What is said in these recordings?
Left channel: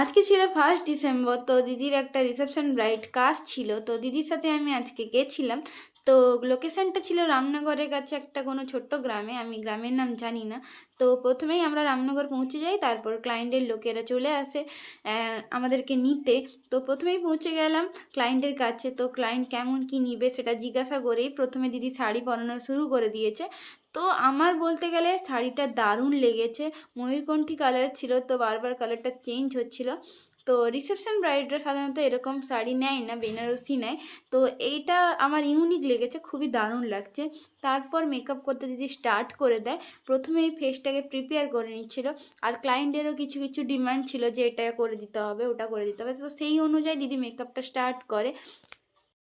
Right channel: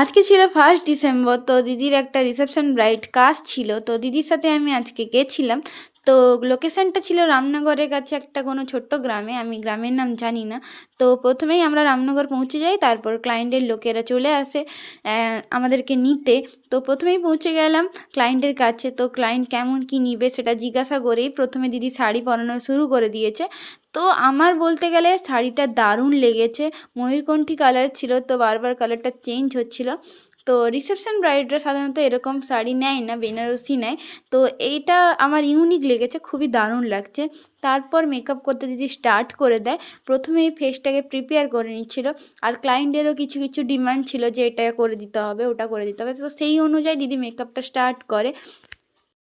আজকে ছিল 1 ডিসেম্বর। তো দিদির একটা রিসেপশন ব্রাইড কাজ ছিল, তো দিদির সাথে আমি আজকে গেছিলাম। তো লোকেশনটা ছিল রামনগরের কাছে একটা কোনো ছোট্ট গ্রামে, আমি গ্রামের নাম জানি না। তো প্রথমেই আমরা রামনগর পৌঁছে যাই, তারপর ক্লায়েন্টের লোকেরা চলে আসে আমাদেরকে নিতে। তো প্রথমেই পৌঁছে গেলাম ক্লায়েন্টের কাছে। তো ক্লায়েন্ট কেমন কী নিবে সেটা জিজ্ঞাসা করেই প্রথমে দিদি শাড়ি পরানো শুরু করে দিয়েছে। তো আমার বলতে গেলে শাড়িটা দারুণ লেগেছে। ময়ূরকণ্ঠী কালার ছিল, তো বারবার কালারটা চেঞ্জ হচ্ছিল। তো রিসেপশন ব্রাইডরা সাধারণত এরকম শাড়ি নেয় না, বেনারসি নেয়। তো এইটা আমার ইউনিক লেগেছে, খুবই দারুণ লাগছে। তারপর মেকআপ করতে দিদি স্টার্ট করে দেয়। প্রথমেই ফেসটাকে প্রিপেয়ার করে নিচ্ছিল, আর ক্লায়েন্টেরও কিছু কিছু ডিমান্ড ছিল যে এটা করে দিতে হবে, ওটা করে দিতে হবে। তো সেই অনুযায়ী দিদি মেকআপটা স্টার্ট করে।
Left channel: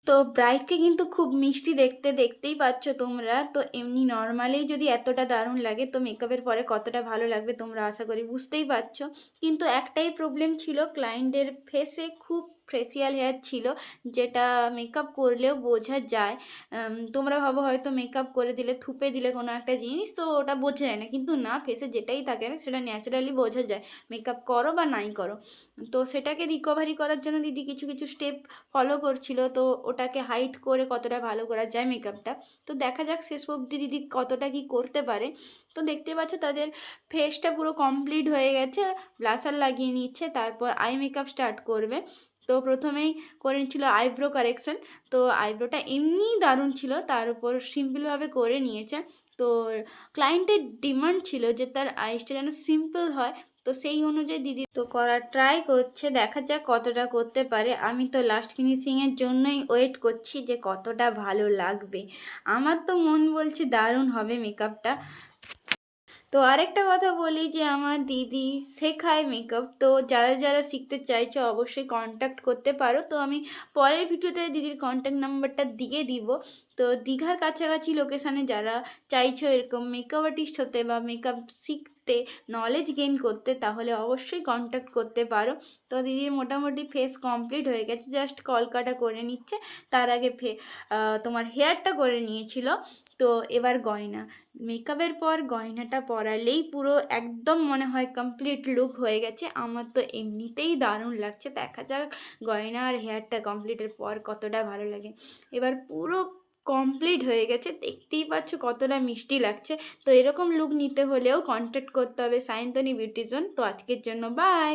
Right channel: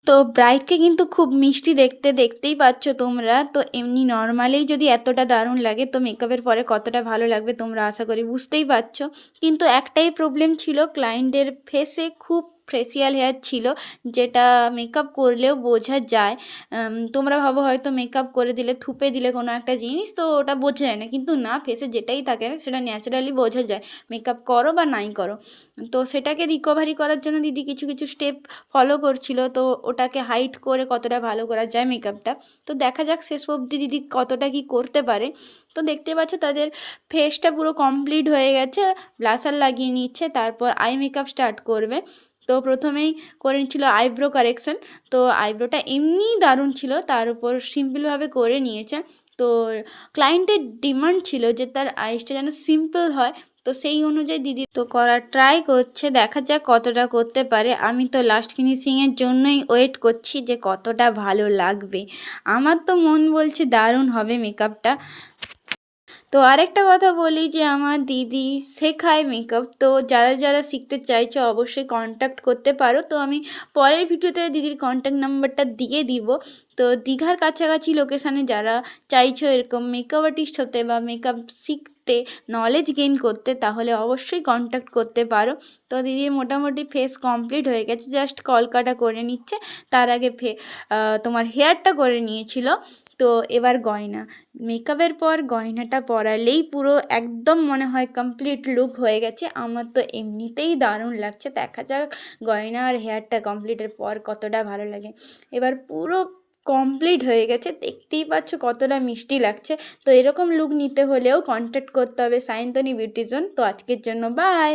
তো ব্রাইডকে কিন্তু খুব মিষ্টি দেখতে, দেখতেই পাচ্ছ তোমরা। তো এমনি নর্মালেই যদি এতটা দারুণ লাগে, তো মেকআপের পরে কতটা ভালো লাগবে তোমরা আশা করি বুঝতেই পারছো। কিন্তু একটাই প্রবলেম ছিল, ক্লায়েন্টের ফেসে খুব ফেসিয়াল হেয়ার ছিল, যেটা মেকআপ করলেও বোঝা যায়। তোমরা ভাবো হয়তো মেকআপ করে দিলে, থুপে দিলে কোনো একটা জিনিস, তো ওটা বোঝা যায় না, কিন্তু না, ফেসে যেটাই থাকে না সেটা ন্যাচারালি বোঝা যায়, মেকআপ করো বা নাই করো। তো সেটাকে রিকভারি করার জন্য দিদি কিছু কিছু স্টেপ ফলো করছিল। তো ওটাকে হাইড করে কতটা ভালো করা যায় মেকআপটা, তো দেখা যাক শেষ অবধি দিদি কতটা কি করতে পারে। তো দেখতে পাচ্ছ তাদের ফেসটা পুরো কমপ্লিট হয়ে গেছে, ব্লাশার লাগিয়ে নিচ্ছে, তারপর আই মেকআপ স্টার্ট করবে। তো প্রথমেই করে নিচ্ছিল আইব্রো কারেকশন। তো আইব্রোটা এমনিই দারুণ ছিল, তার উপর সিম্পলভাবে করে নিয়েছে। তো ক্লায়েন্টের ডিমান্ড ছিল যে তার আইসটা যেন সিম্পল হয়, তো সেই অনুযায়ী দিদি তো করার ট্রাই করছে, দেখা যাক কতটা করতে পারে। আমি তো লাস্ট ফিনিশিংয়ের জন্যই ওয়েট করছি যে কতটা ভালো লাগবে। আমার তো মন বলছে দারুণ হবে মেকআপটা। তো আরেকটা কথা বলি যে আমার দিদি শেখায় মেকআপ, তো যারা যারা শিখতে চাইছো অবশ্যই কন্ট্যাক্ট করতে পারো। তো আমি পরের ভিডিওতে দিদির কন্ট্যাক্ট নাম্বারটা দিয়ে দিব। তো দীঘার কাছাকাছি লোকেশানে যারা চাইছো এরকম মেকআপ আর্টিস্ট হতে বা মেকআপ শিখতে, নলেজ গেইন করতে, তাহলে অবশ্যই কন্ট্যাক্ট করতে পারো। তো দিদির মোটামুটি ফেস কমপ্লিট হয়ে গেছে, জাস্ট কলকাটা করে নিচ্ছে। তার আগে তোমার হেয়ারটা করে নিয়েছিল। তো এবার গয়না, মেকআপের পর গয়নাটা পরালেই পুরো একদম মনে হয় কমপ্লিট লুক হয়ে গেছে। আমার তো এমনিতেই দারুণ লাগছে, দেখা যাক গয়না আর হেয়ারটা কমপ্লিটের পর কতটা ভালো লাগে। এবার পুরো কমপ্লিট হয়ে গেছে, দেখতেই পাচ্ছ কতটা মিষ্টি লাগছে। তো এরকম লুক নিতে হলেও কন্ট্যাক্ট করতে হবে সায়ন্তনী বিউটি জোন। তো আজকের জন্য বাই।